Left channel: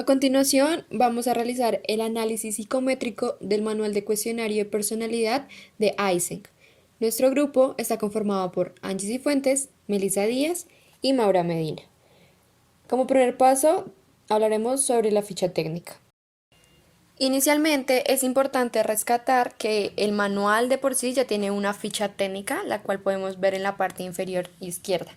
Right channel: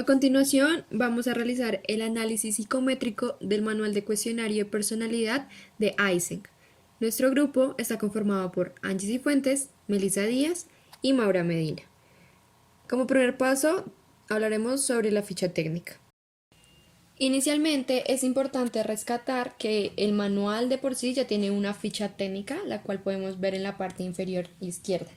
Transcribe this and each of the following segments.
A continuación, vamos a realizar el análisis psicométrico del Manual de Cuestionario de Personalidad de Eysenck. Nuestro grupo está conformado por Angie Cifuentes, Melissa Díaz y Maura Medina. Como primer paso, hablaremos sobre la ficha técnica. Inicialmente es importante rescatar que el manual de por sí ya tiene una ficha técnica, la cual podemos ver en la parte inferior izquierda.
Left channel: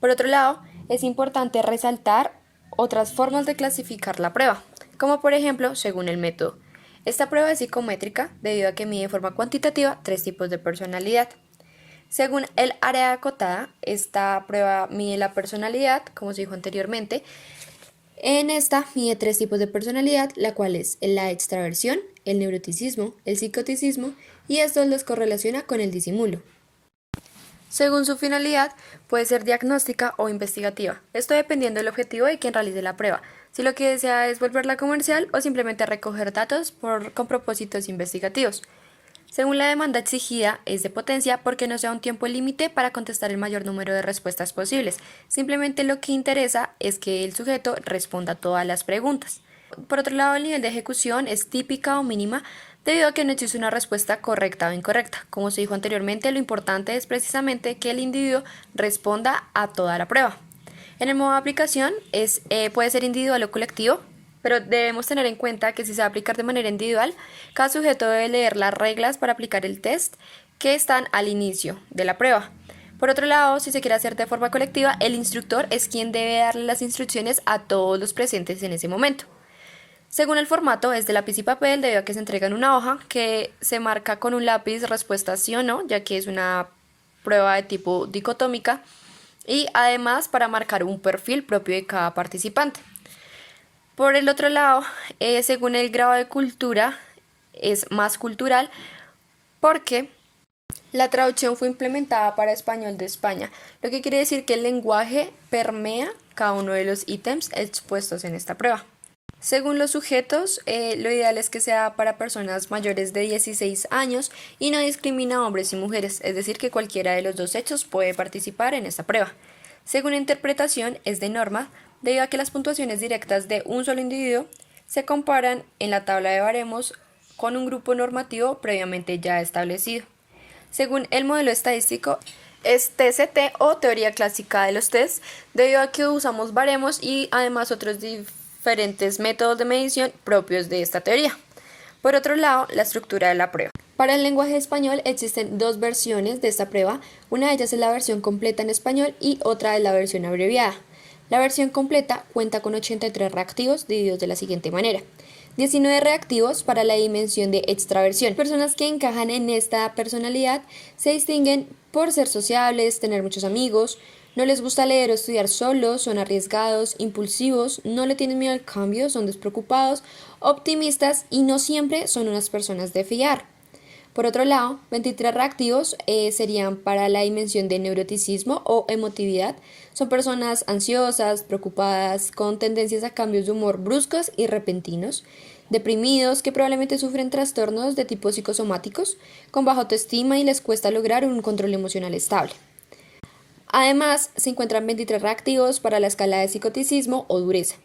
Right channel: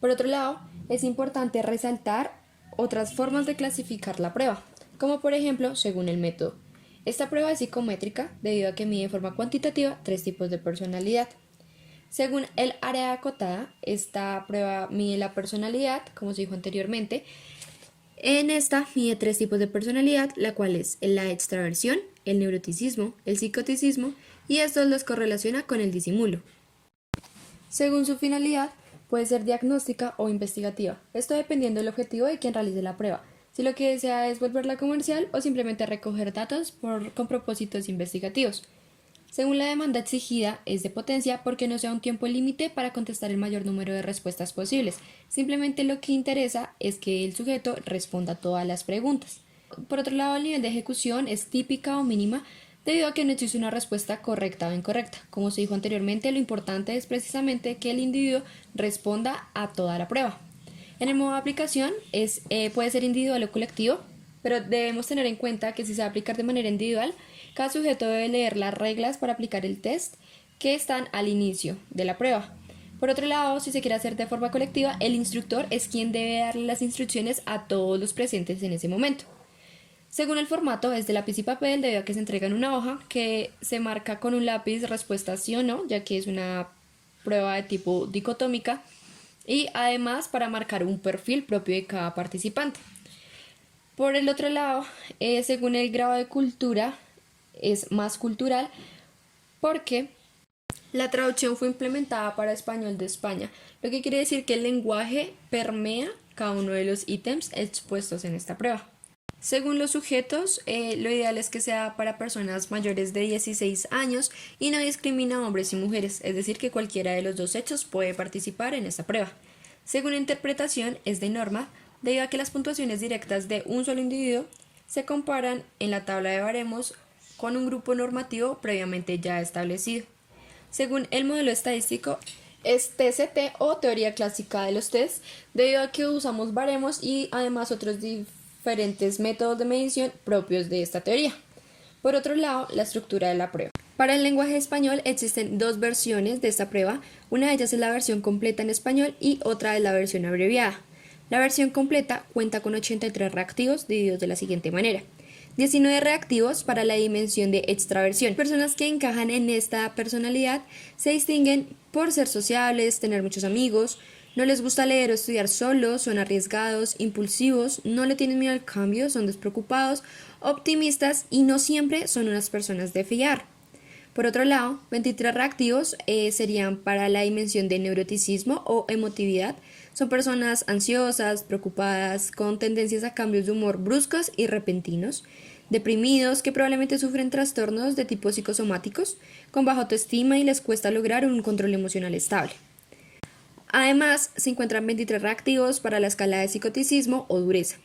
Por otro lado, es importante resaltar otras formas de clasificar la prueba, como por ejemplo según el método. Esta prueba es psicométrica debido a que mide de forma cuantitativa tres tipos de personalidad. Según el área acotada, esta prueba mide la personalidad, como se dijo anteriormente. En esta mide tres tipos de personalidad, la cual es la extraversión, el neuroticismo, el psicoticismo, y estos los correlaciona con el disimulo. Según su finalidad, puede ser diagnóstica o investigativa, esto dependiendo del objetivo de quien realice la prueba, si lo que desea es volverla comercial o simplemente recoger datos con propósitos investigativos. Según la demanda exigida, es de potencia porque no sea un tiempo límite para contestar el mayor número de respuestas posibles. Simplemente lo que interesa es que el sujeto responda todas las preguntas. Por otro lado, el nivel de ejecución es típica o mínima debido a que no existe una respuesta correcta o incorrecta. Como se dijo anteriormente, lo importante es precisamente que el individuo responda a toda la prueba. En el modo de aplicación puede ser individual o colectivo, pero debemos tener en cuenta que si se va a aplicar de manera individual, cada sujeto debe leer las reglas para aplicar el test que están al inicio de la prueba. Por otro lado, si se quiere hacer de forma colectiva, el instructor es quien debe darle las instrucciones a todos los presentes en ese momento. Según el formato, es de lápiz y papel debido a que se entrega en una hoja que se marca con un lápiz respuesta sí o no, ya que es una prueba de tipo dicotómica, y además para marcar un perfil propio de cada participante. Por el otro lado, según el grado de cultura, es más cultural porque la traducción fue implementada para español de España, lo que quiere decir que el lenguaje permea cada uno de los ítems expuestos en esta prueba. Según los sujetos, lo ideal es que sea para personas mayores de 16 años y no discrimina a hombres y mujeres, es decir, que cualquiera de los dos sexos puede participar en esta prueba. Según interpretación, es de norma, debido a que las puntuaciones directas de un solo individuo se comparan en la tabla de baremos con un grupo normativo previamente ya establecido. Según el modelo estadístico, es TCT o teoría clásica de los test, debido a que usamos baremos y además otros diferentes métodos de medición propios de esta teoría. Por otro lado, la estructura de la prueba. Para el lenguaje español existen dos versiones de esta prueba, una de ellas es la versión completa en español y otra es la versión abreviada. La versión completa cuenta con 83 reactivos divididos de la siguiente manera. 19 reactivos para la dimensión de extraversión. Personas que encajan en esta personalidad se distinguen por ser sociables, tener muchos amigos, no les gusta leer o estudiar solos, son arriesgados, impulsivos, no le tienen miedo al cambio, son despreocupados, optimistas y no siempre son unas personas de fiar. Por otro lado, 23 reactivos serían para la dimensión de neuroticismo o emotividad. Son personas ansiosas, preocupadas, con tendencias a cambios de humor bruscos y repentinos, deprimidos que probablemente sufren trastornos de tipo psicosomáticos, con baja autoestima y les cuesta lograr un control emocional estable. Además, se encuentran 23 reactivos para la escala de psicoticismo o dureza.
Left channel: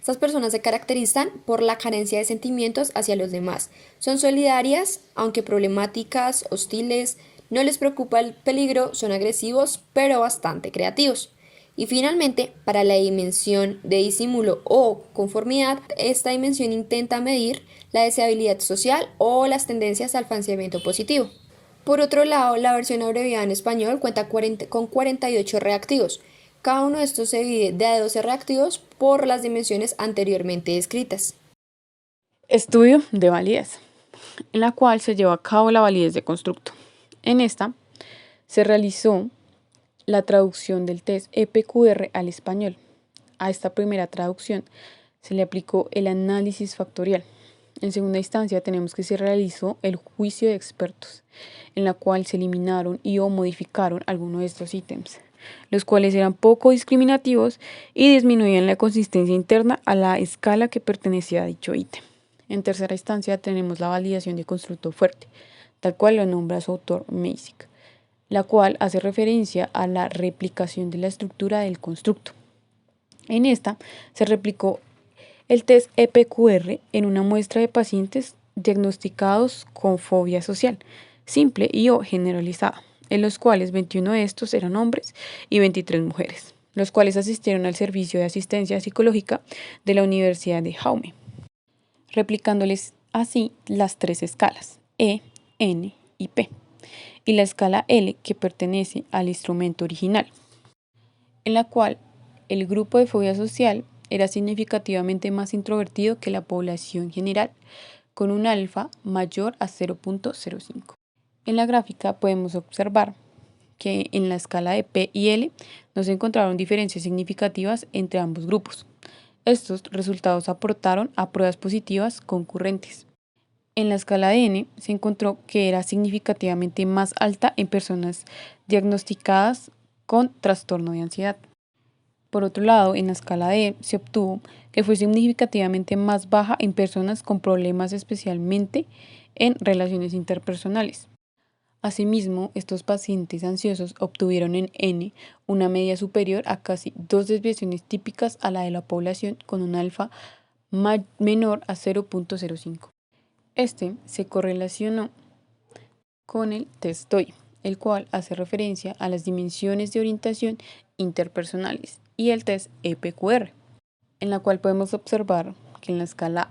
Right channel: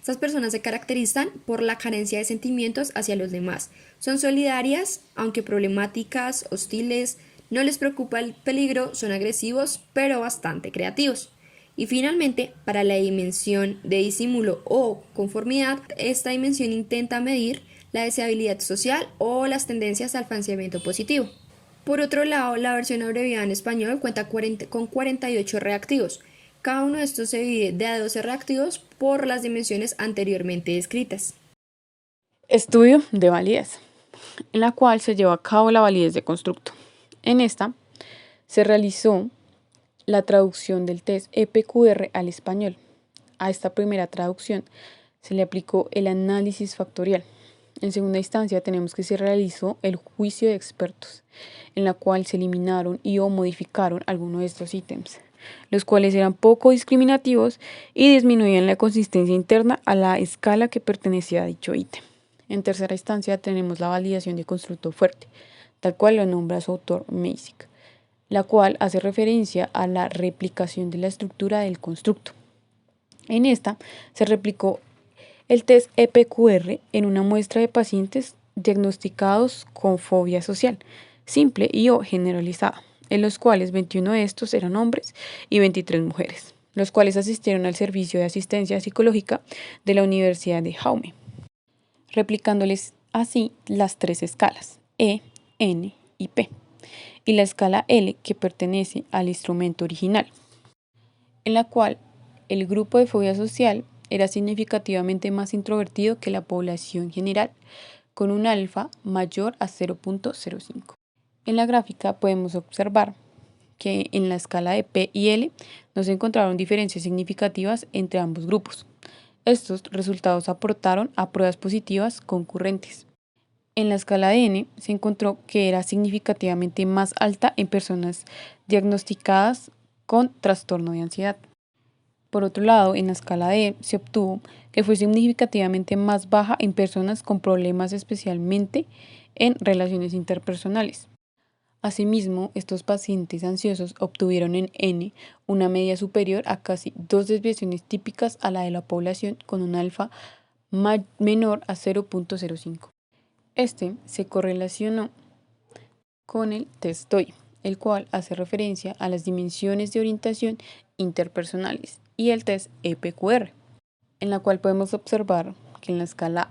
Estas personas se caracterizan por la carencia de sentimientos hacia los demás. Son solidarias, aunque problemáticas, hostiles, no les preocupa el peligro, son agresivos, pero bastante creativos. Y finalmente, para la dimensión de disimulo o conformidad, esta dimensión intenta medir la deseabilidad social o las tendencias al falseamiento positivo. Por otro lado, la versión abreviada en español cuenta con 48 reactivos. Cada uno de estos se divide de a 12 reactivos por las dimensiones anteriormente descritas. Estudio de validez, en la cual se lleva a cabo la validez de constructo. En esta se realizó la traducción del test EPQR al español. A esta primera traducción se le aplicó el análisis factorial. En segunda instancia tenemos que se realizó el juicio de expertos, en la cual se eliminaron y o modificaron algunos de estos ítems, los cuales eran poco discriminativos y disminuían la consistencia interna a la escala que pertenecía a dicho ítem. En tercera instancia tenemos la validación de constructo fuerte, tal cual lo nombra su autor Masick, la cual hace referencia a la replicación de la estructura del constructo. En esta se replicó El test EPQR en una muestra de pacientes diagnosticados con fobia social, simple y o generalizada, en los cuales 21 de estos eran hombres y 23 mujeres, los cuales asistieron al servicio de asistencia psicológica de la Universidad de Jaume, replicándoles así las tres escalas E, N y P, y la escala L que pertenece al instrumento original, en la cual el grupo de fobia social era significativamente más introvertido que la población general, con un alfa mayor a 0.05. En la gráfica podemos observar que en la escala de P y L no se encontraron diferencias significativas entre ambos grupos. Estos resultados aportaron a pruebas positivas concurrentes. En la escala de N se encontró que era significativamente más alta en personas diagnosticadas con trastorno de ansiedad. Por otro lado, en la escala D se obtuvo que fue significativamente más baja en personas con problemas especialmente en relaciones interpersonales. Asimismo, estos pacientes ansiosos obtuvieron en N una media superior a casi 2 desviaciones típicas a la de la población con un alfa menor a 0.05. Este se correlacionó con el test DOI, el cual hace referencia a las dimensiones de orientación interpersonales, y el test EPQR, en la cual podemos observar que en la escala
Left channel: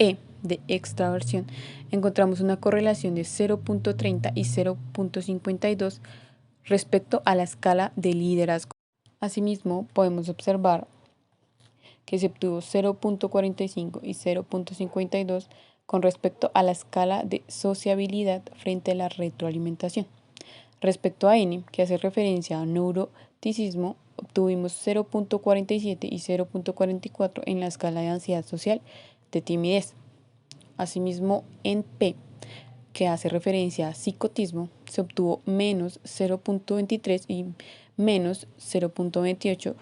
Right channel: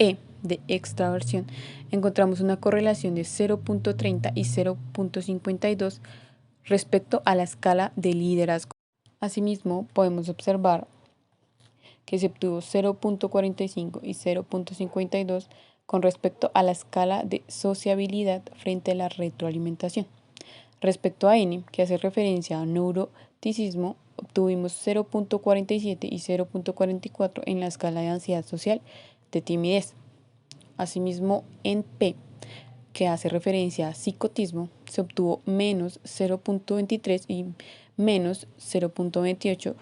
E de extraversión encontramos una correlación de 0.30 y 0.52 respecto a la escala de liderazgo. Asimismo, podemos observar que se obtuvo 0.45 y 0.52 con respecto a la escala de sociabilidad frente a la retroalimentación. Respecto a N, que hace referencia a neuroticismo, obtuvimos 0.47 y 0.44 en la escala de ansiedad social de timidez. Asimismo, en P, que hace referencia a psicotismo, se obtuvo menos 0.23 y menos 0.28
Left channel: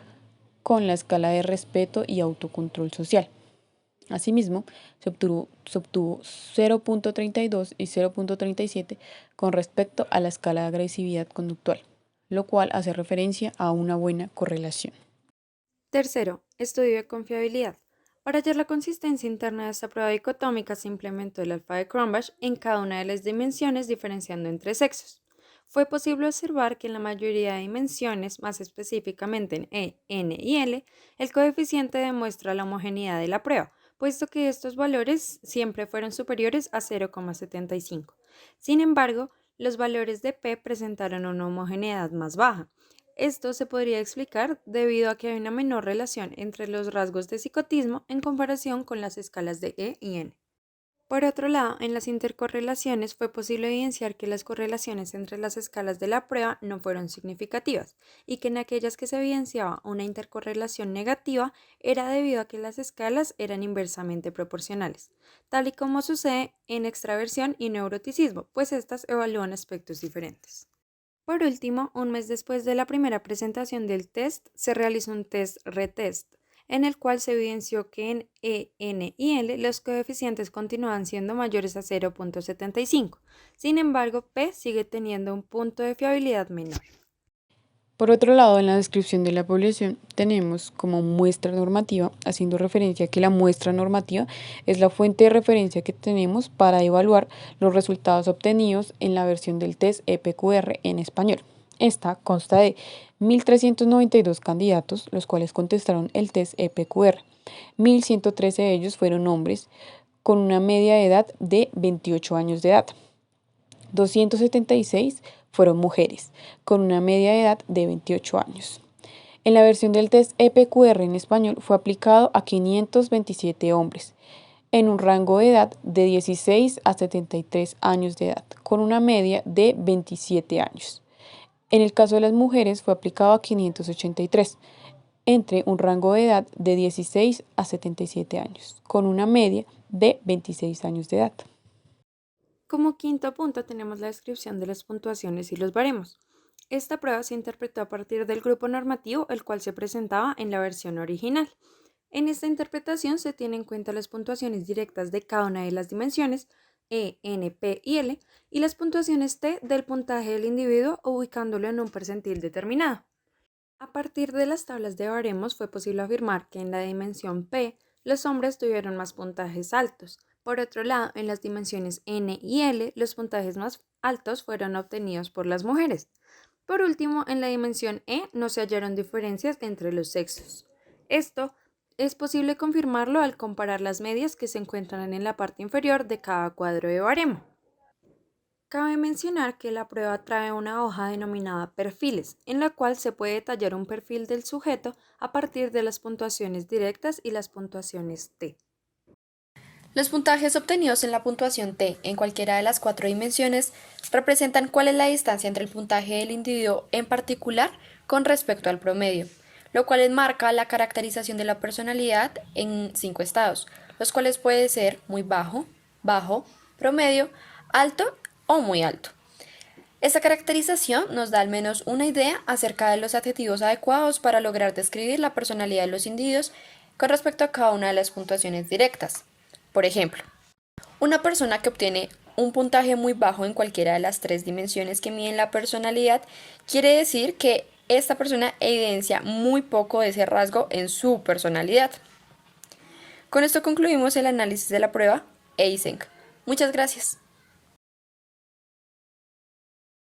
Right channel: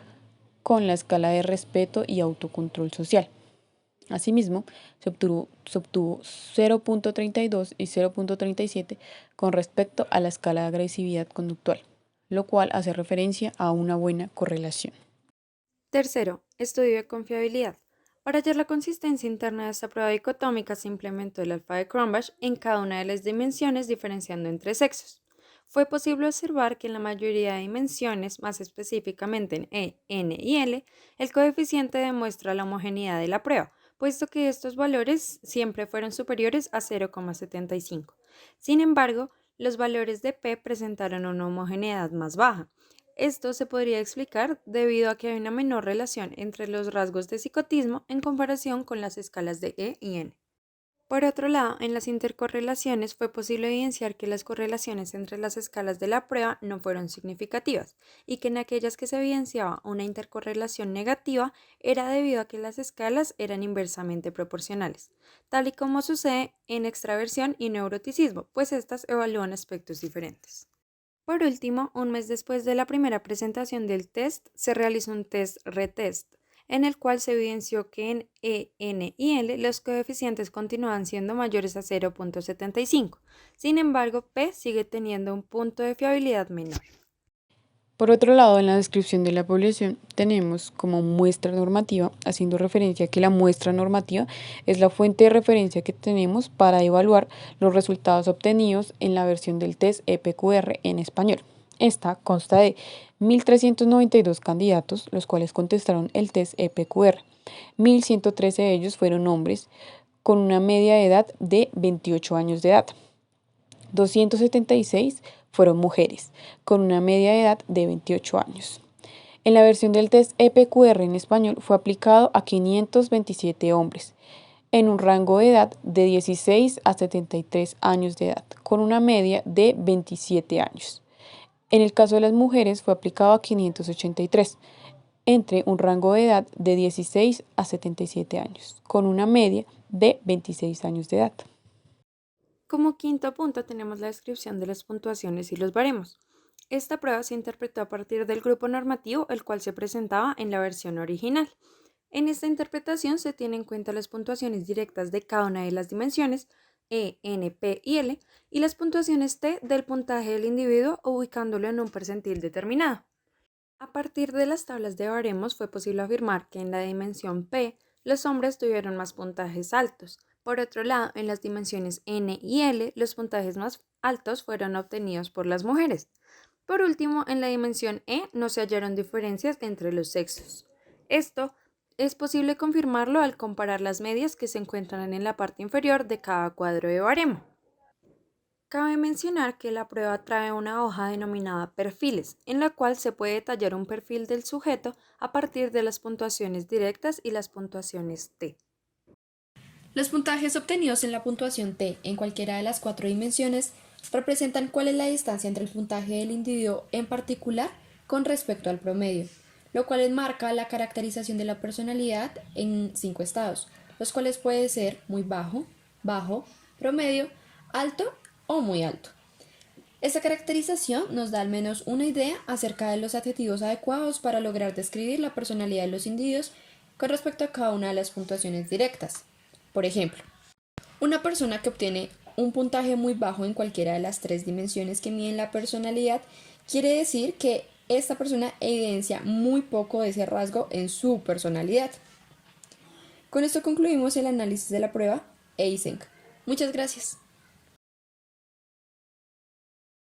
con la escala de respeto y autocontrol social. Asimismo, se obtuvo 0.32 y 0.37 con respecto a la escala de agresividad conductual, lo cual hace referencia a una buena correlación. Tercero, estudio de confiabilidad. Para hallar la consistencia interna de esta prueba dicotómica se implementó el alfa de Cronbach en cada una de las dimensiones diferenciando entre sexos. Fue posible observar que en la mayoría de dimensiones, más específicamente en E, N y L, el coeficiente demuestra la homogeneidad de la prueba, puesto que estos valores siempre fueron superiores a 0,75. Sin embargo, los valores de P presentaron una homogeneidad más baja. Esto se podría explicar debido a que hay una menor relación entre los rasgos de psicotismo en comparación con las escalas de E y N. Por otro lado, en las intercorrelaciones fue posible evidenciar que las correlaciones entre las escalas de la prueba no fueron significativas y que en aquellas que se evidenciaba una intercorrelación negativa era debido a que las escalas eran inversamente proporcionales, tal y como sucede en extraversión y neuroticismo, pues estas evalúan aspectos diferentes. Por último, un mes después de la primera presentación del test, se realizó un test retest, en el cual se evidenció que en E, N y L los coeficientes continúan siendo mayores a 0.75. Sin embargo, P sigue teniendo un punto de fiabilidad menor. Por otro lado, en la descripción de la población tenemos como muestra normativa, haciendo referencia a que la muestra normativa es la fuente de referencia que tenemos para evaluar los resultados obtenidos en la versión del test EPQR en español. Esta consta de 1.392 candidatos, los cuales contestaron el test EPQR. 1.113 de ellos fueron hombres con una media de edad de 28 años de edad. 276 fueron mujeres, con una media de edad de 28 años. En la versión del test EPQR en español fue aplicado a 527 hombres, en un rango de edad de 16 a 73 años de edad, con una media de 27 años. En el caso de las mujeres fue aplicado a 583, entre un rango de edad de 16 a 77 años, con una media de 26 años de edad. Como quinto punto tenemos la descripción de las puntuaciones y los baremos. Esta prueba se interpretó a partir del grupo normativo, el cual se presentaba en la versión original. En esta interpretación se tienen en cuenta las puntuaciones directas de cada una de las dimensiones, E, N, P y L, y las puntuaciones T del puntaje del individuo ubicándolo en un percentil determinado. A partir de las tablas de baremos fue posible afirmar que en la dimensión P Los hombres tuvieron más puntajes altos. Por otro lado, en las dimensiones N y L, los puntajes más altos fueron obtenidos por las mujeres. Por último, en la dimensión E no se hallaron diferencias entre los sexos. Esto es posible confirmarlo al comparar las medias que se encuentran en la parte inferior de cada cuadro de baremo. Cabe mencionar que la prueba trae una hoja denominada perfiles, en la cual se puede detallar un perfil del sujeto a partir de las puntuaciones directas y las puntuaciones T. Los puntajes obtenidos en la puntuación T en cualquiera de las 4 dimensiones representan cuál es la distancia entre el puntaje del individuo en particular con respecto al promedio, lo cual enmarca la caracterización de la personalidad en 5 estados, los cuales pueden ser muy bajo, bajo, promedio, alto o muy alto. Esta caracterización nos da al menos una idea acerca de los adjetivos adecuados para lograr describir la personalidad de los individuos con respecto a cada una de las puntuaciones directas. Por ejemplo, una persona que obtiene un puntaje muy bajo en cualquiera de las 3 dimensiones que miden la personalidad quiere decir que esta persona evidencia muy poco de ese rasgo en su personalidad. Con esto concluimos el análisis de la prueba Eysenck. Muchas gracias.